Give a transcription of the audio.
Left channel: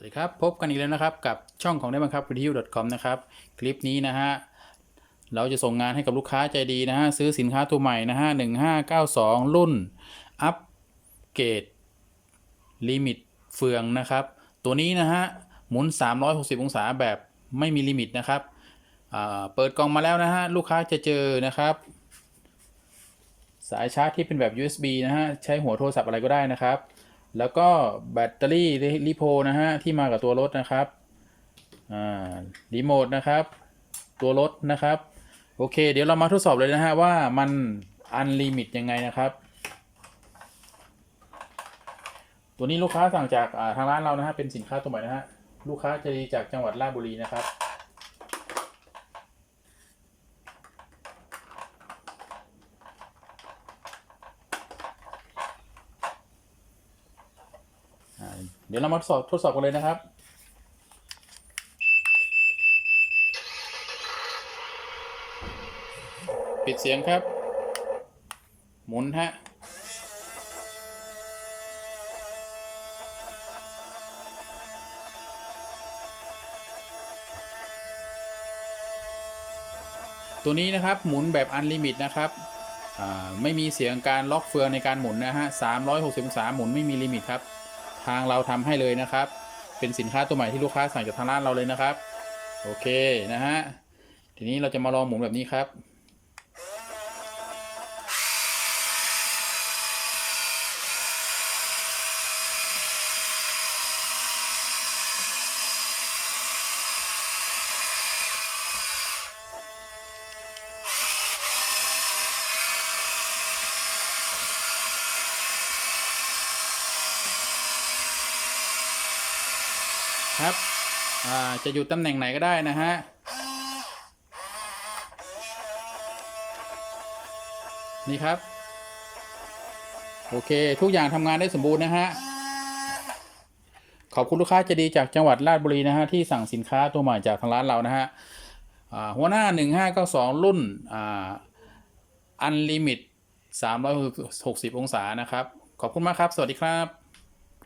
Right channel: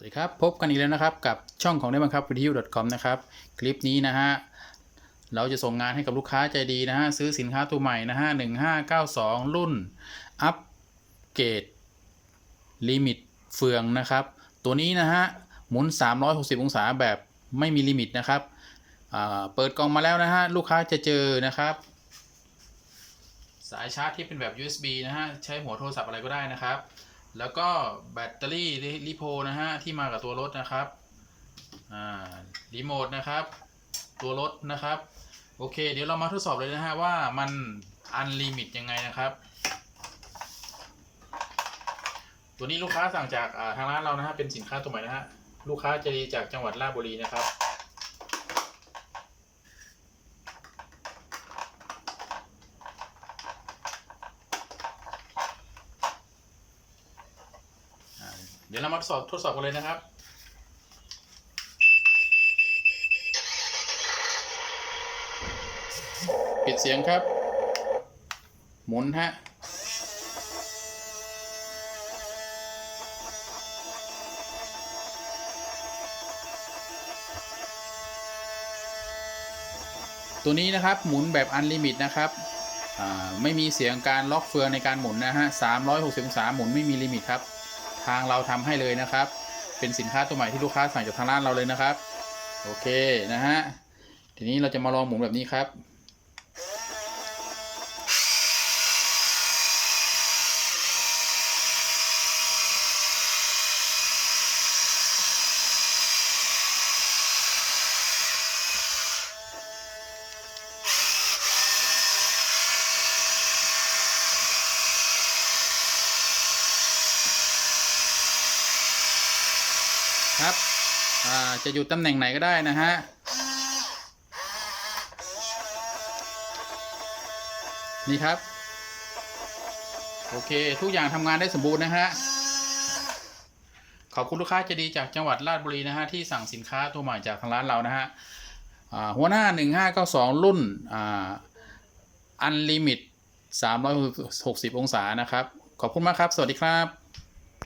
สวัสดีครับพบกันอีกแล้วนะครับกับช่องของได้บังคับวิทยุ .com นะครับคลิปนี้นะฮะเราจะส่งงานให้กับลูกค้าใจดีนะฮะซื้อสินค้าตัวใหม่นะฮะ1592 รุ่นอัปเกรดลิมิตเฟืองนะครับ ตัวนี้นะฮะหมุน 360 องศาแบบไม่มีลิมิตนะครับเปิดกล่องมาแล้วนะฮะลูกค้าจะเจอนะครับ สายชาร์จที่เป็นแบบ USB นะฮะใช้หัวโทรศัพท์อะไรก็ได้นะครับ แล้วก็แบตเตอรี่ลิโพนะฮะที่มากับตัวรถนะครับอ่ารีโมทนะครับ ตัวรถนะครับ โอเค เดี๋ยวเรามาทดสอบเลยนะฮะว่ามันอันลิมิตยังไงนะครับ ตัวนี้ลูกค้าสั่งจากทางร้านเรานะฮะเป็นสินค้าตัวใหม่นะฮะลูกค้าจะดีจากจังหวัดราชบุรีนะครับ เดี๋ยวเรามาทดสอบทดสอบกันเลยนะครับ ปิดเสียงครับ หมุนฮะตัวนี้นะครับหมุนแบบอันลิมิตนะครับไม่มีเสียงการล็อกเฟืองในการหมุนนะฮะ360องศาหมุนไม่มีลิมิตครับ ทางเราทำให้เลยนะครับ เป็นสินค้าตัวใหม่ที่ลูกค้าสั่งจากทางร้านเราเลยนะครับ โอเคนะฮะทีนี้เราจะมาลองหมุนแบบนี้ครับ ครับอ่าจะอยู่ตำแหน่งไหนก็ได้นะฮะนี่ครับ โอเคทุกอย่างทำงานได้สมบูรณ์นะฮะขอบคุณลูกค้าใจดีจากจังหวัดราชบุรีนะฮะที่สั่งสินค้าตัวใหม่จากทางร้านเรานะฮะหัวหน้า 1592 รุ่นอ่าอันลิมิต 360 องศานะครับ ขอบคุณมากครับ สวัสดีครับ